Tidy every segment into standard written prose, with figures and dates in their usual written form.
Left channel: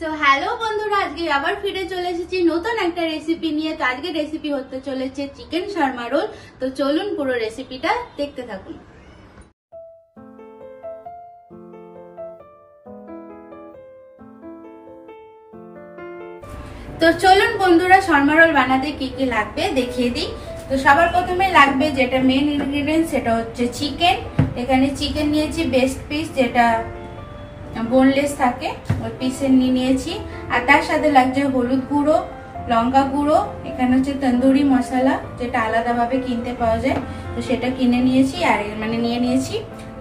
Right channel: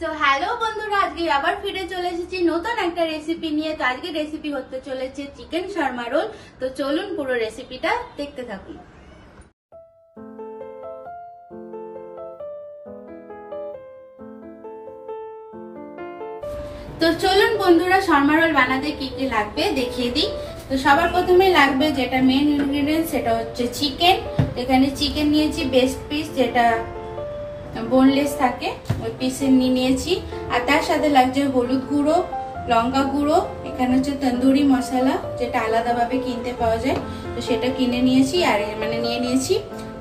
So hello বন্ধুরা, আজকে আবার ফিরে চলে এসেছি নতুন একটা রেসিপি নিয়ে। তো আজকে রেসিপি হতে চলেছে চিকেন শর্মা রোল। তো চলুন পুরো রেসিপিটা দেখতে থাকুন। তো চলুন বন্ধুরা, শর্মা রোল বানাতে কি কি লাগবে দেখিয়ে দিই। তো সবার প্রথমে লাগবে যেটা মেন ইনগ্রেডিয়েন্ট, সেটা হচ্ছে চিকেন। এখানে চিকেন নিয়েছি বেস্ট পিস, যেটা বোনলেস থাকে, ওই পিসের নিয়েছি। আর তার সাথে লাগছে হলুদ গুঁড়ো, লঙ্কা গুঁড়ো, এখানে হচ্ছে তন্দুরি মশলা, যেটা আলাদাভাবে কিনতে পাওয়া যায়, তো সেটা কিনে নিয়েছি আর নিয়ে নিয়েছি।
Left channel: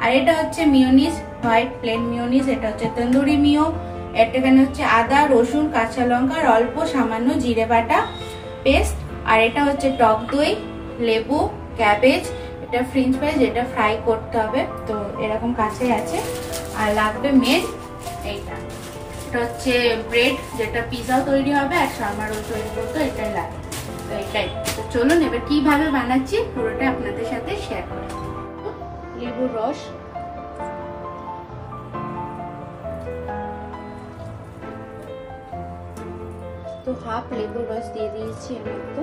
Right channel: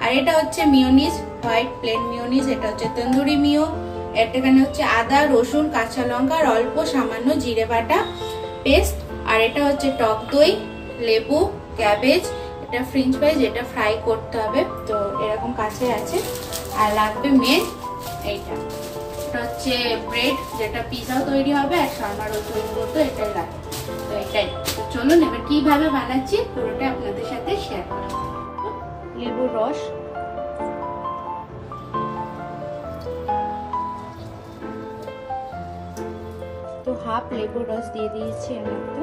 আর এটা হচ্ছে মিওনিজ, হোয়াইট প্লেন মিওনিজ, এটা হচ্ছে তন্দুরি মিও। এখানে হচ্ছে আদা, রসুন, কাঁচা লঙ্কা আর অল্প সামান্য জিরে বাটা পেস্ট। আর এটা হচ্ছে টক দই, লেবু, ক্যাবেজ, এটা ফ্রেঞ্চ ফ্রাইজ, এটা ফ্রাই করতে হবে, তো এরকম কাছে আছে। আর লাগবে মেন এইটা, এটা হচ্ছে ব্রেড, যেটা পিজা তৈরি হবে আর শর্মা রোল তৈরি করতে এটাই লাগবে। তো এটাই, তো চলুন এবার কিভাবে বানাচ্ছি পুরোটা আপনাদের সাথে শেয়ার করি। লেবুর রস, তো হাফ লেবুর রস দিয়ে দিয়েছি আমি একটু।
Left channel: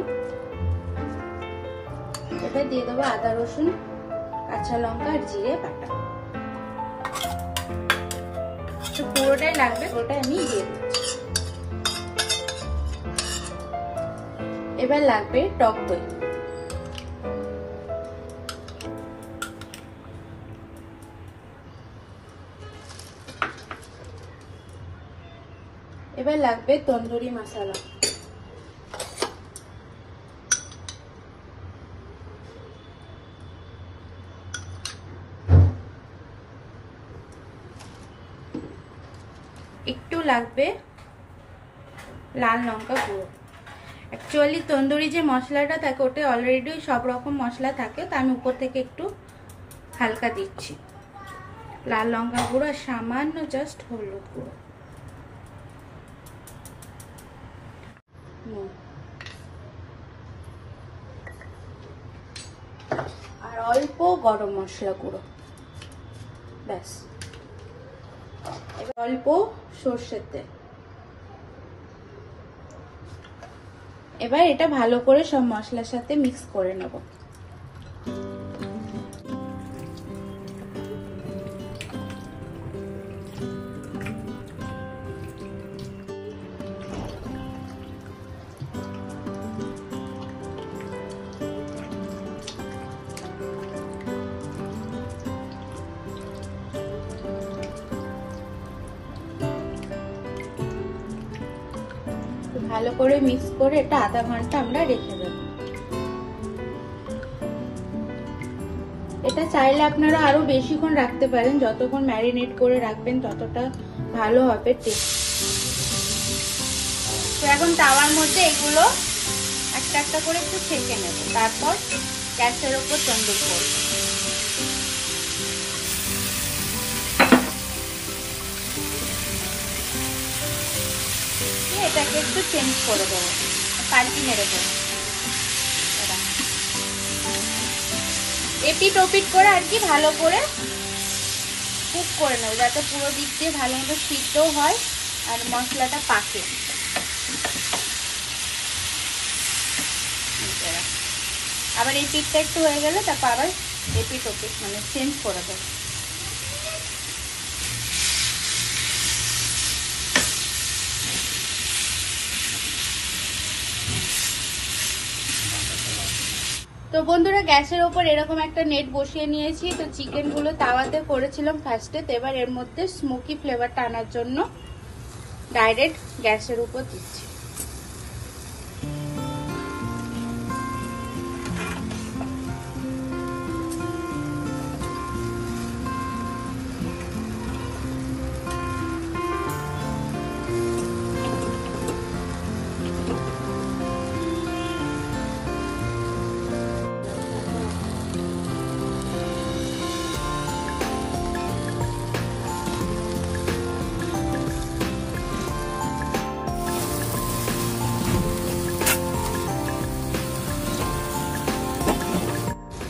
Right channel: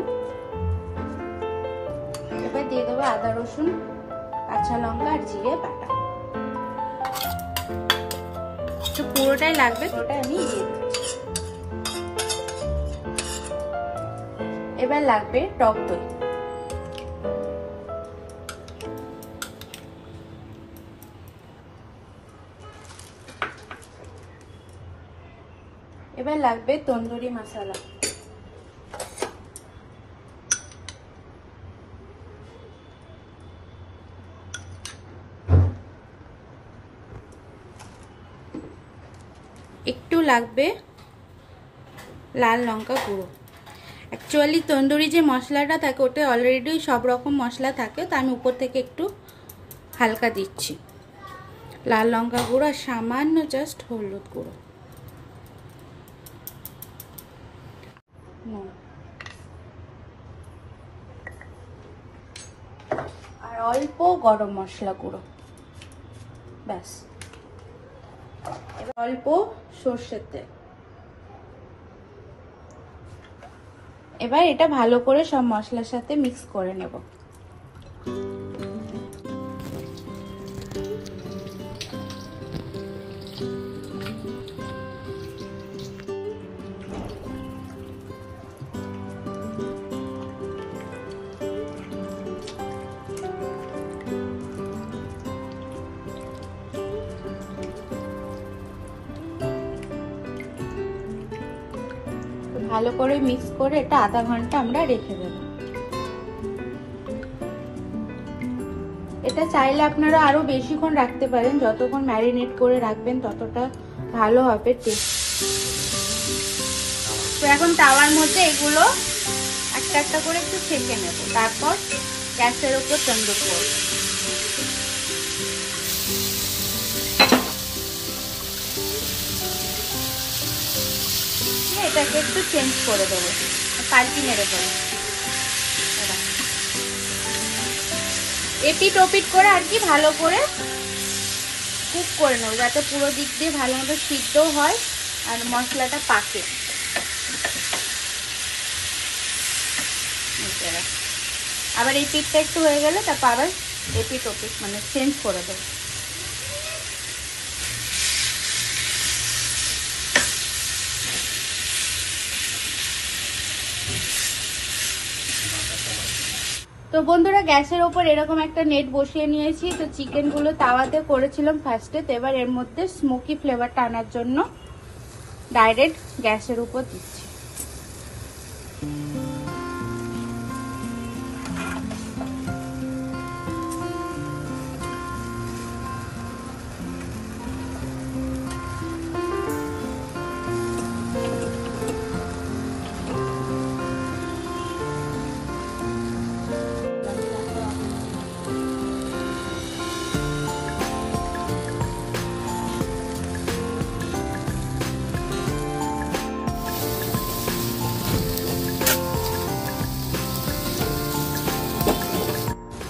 এবার দিয়ে দেবো আদা, রসুন, কাঁচা লঙ্কা আর জিরে বাটা, পুরোটাই লাগবে, পুরোটাই আমি দিয়ে দেবো। এবার লাগবে টক দই, এবার লাগবে তন্দুরি মশলা, একটু লাগবে লাল লঙ্কা গুঁড়ো। অ্যাকচুয়ালি তন্দুরি যে মশলাটা থাকে ওটা অলরেডি সব রকম মশলা থাকে, তো আমি উপর থেকে একটু হালকা দিচ্ছি লাল লঙ্কা গুঁড়ো আর সামান্য জাস্ট হলুদ গুঁড়ো, আর অল্প গরম মশলা গুঁড়ো, ব্যাস। অল্প সর্ষের তেল। এবার এটা ভালো করে সব মশলার সাথে মিক্স করে নেব। ভালো করে মিক্স করে এটা আধা ঘন্টা আমরা রেখে দেব। এটা চাইলে আপনারা আরো বেশিক্ষণ রাখতে পারেন, যতক্ষণ ম্যারিনেট করে রাখবেন ততটা ভালো হবে টেস্ট। তো এখন তাওয়ার মধ্যে এগুলো একটা একটা করে একটু ছেঁকে নেব, তারপর গ্যাসের উপর তন্দুর করব। এটাকে একটু চেঞ্জ করে দেবো, পাল্টি মেরে দেবো, এপিট ওপিট করে আর কি ভালো করে কুক করে নেবো, যাতে পুরো দিক দিয়ে ভালো মতো সিদ্ধও হয় আর মশলাটা পাকে। আবার এই পিঠটা একটু হয়ে গেলে তারপর আবার এপিট ওপিট চেঞ্জ করে দেবো। তো বন্ধুরা, গ্যাসের ওপর এরকম একটা নেট বসিয়ে নিয়েছি। তো চিকেন গুলো তাওয়াতে করেছিলাম ফার্স্টে, তো এবার এর মধ্যে স্মোকি ফ্লেভারটা আনার জন্য ডাইরেক্ট গ্যাসের উপর দিচ্ছি।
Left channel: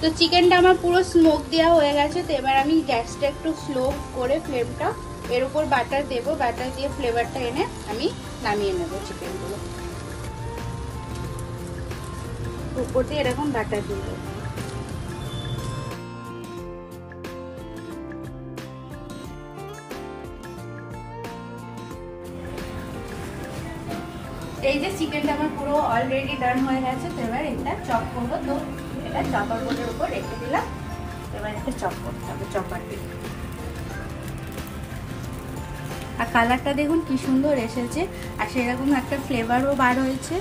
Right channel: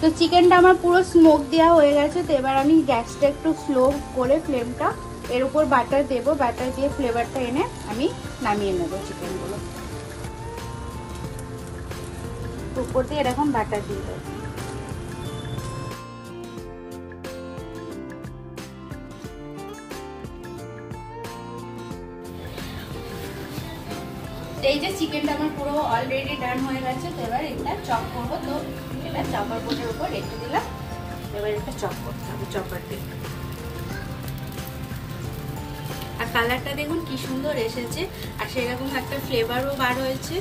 তো চিকেনটা আমার পুরো স্মোক দেওয়া হয়ে গেছে। তো এবার আমি গ্যাসটা একটু স্লো করে ফ্লেমটা, এর উপর বাটার দেবো, বাটার দিয়ে ফ্লেভারটা এনে আমি নামিয়ে নেবো চিকেনগুলো। উপর দিয়ে এরকম বাটার দিয়ে দেবো। এই যে চিকেনটা আমার পুরো অলরেডি ডান হয়ে গেছে। তো এবার এটা চপ করবো। তো এটা চপার বোর্ডের উপর রেখে দিলাম। এবার এটা চপ করতে হবে চপার দিয়ে। আর কালারটা দেখুন কি সুন্দর এসেছে, আর সেরকম একটা ফ্লেভারও বার হয়েছে,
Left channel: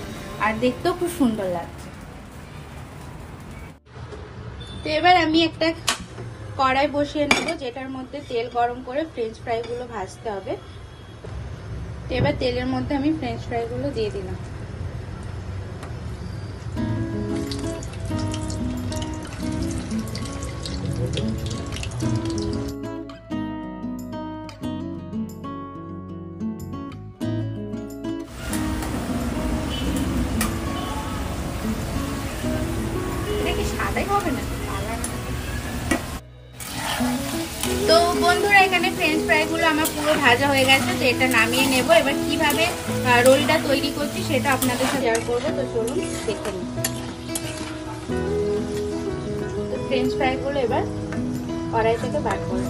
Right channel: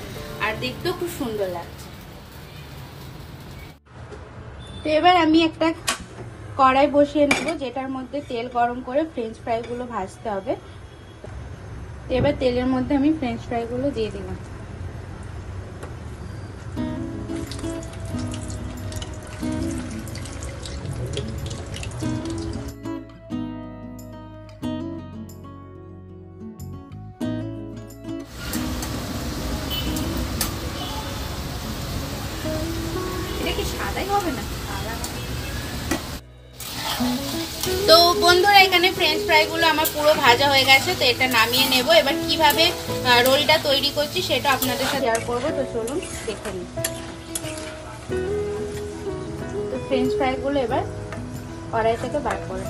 আর দেখতেও খুব সুন্দর লাগছে। তো এবার আমি একটা কড়াই বসিয়ে নেব, যেটার মধ্যে তেল গরম করে ফ্রেঞ্চ ফ্রাইগুলো ভাজতে হবে। তো এবার তেলের মধ্যে আমি ফ্রেঞ্চ ফ্রাইগুলো দিয়ে দিলাম। এটা কি সাদাই হবে না? তো বন্ধুরা এখানে ফ্রেঞ্চ ফ্রাইগুলো আমার পুরো ভাজা হয়ে গেছে। তো এটা নামিয়ে নেব। এবার কিভাবে রোলটা তৈরি করছি সেটা আপনাদের সাথে শেয়ার করবো। তো চলুন দেখে নিই। ফ্রেঞ্চ ফ্রাইগুলো এবার কড়াই থেকে বার করে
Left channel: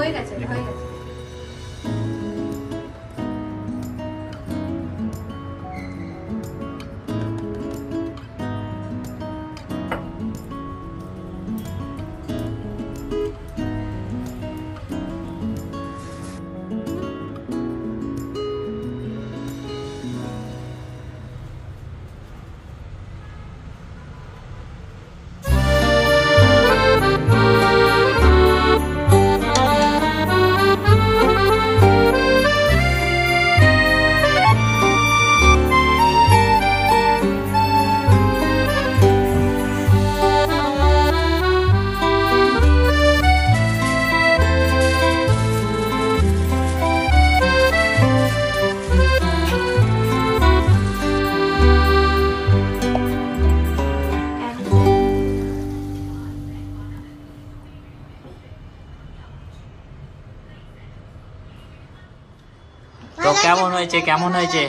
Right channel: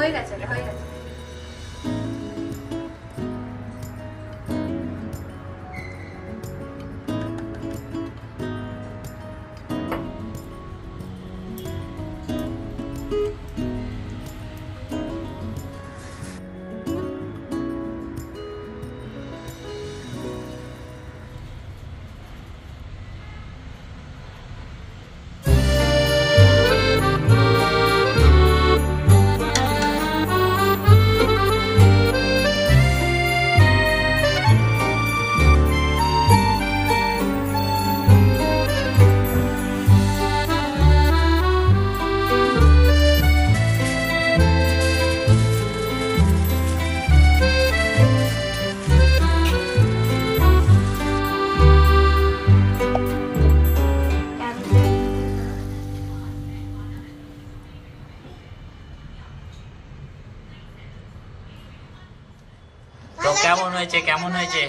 হয়ে গেছে। তো কেমন হয়েছে কেমন হয়েছে?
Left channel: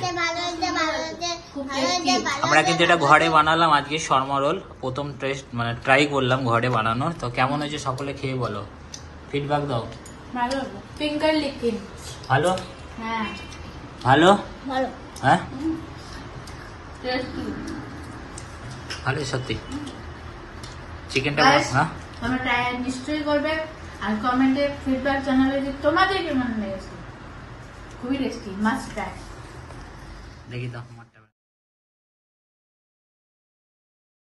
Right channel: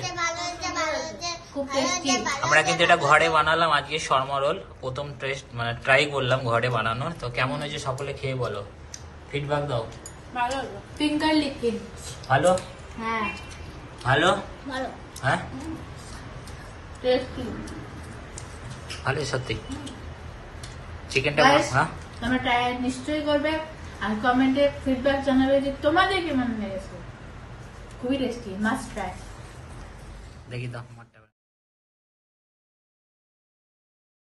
আমরা কিন্তু এটা ঘরে বানালাম আজকে শর্মা রোল, প্রথম টেস্ট মানে ট্রাই করলাম ঘরে বানানো। তো কেমন হয়েছে সকলে খেয়ে বলো, ফিডব্যাক দাও। ভালো ফিঙ্গার লিকিং ভালো। হ্যাঁ ভালো ভালো। হ্যাঁ টেস্টি ভালো সত্যি। চিকেনটা হ্যাঁ তোমরা ট্রাই নিশ্চয়ই করবে, আর কমেন্টে ফিডব্যাক জানাবে যে তোমাদের কেমন লেগেছে। খুবই টেস্টি, মাস্ট ট্রাই। দেখি দাও।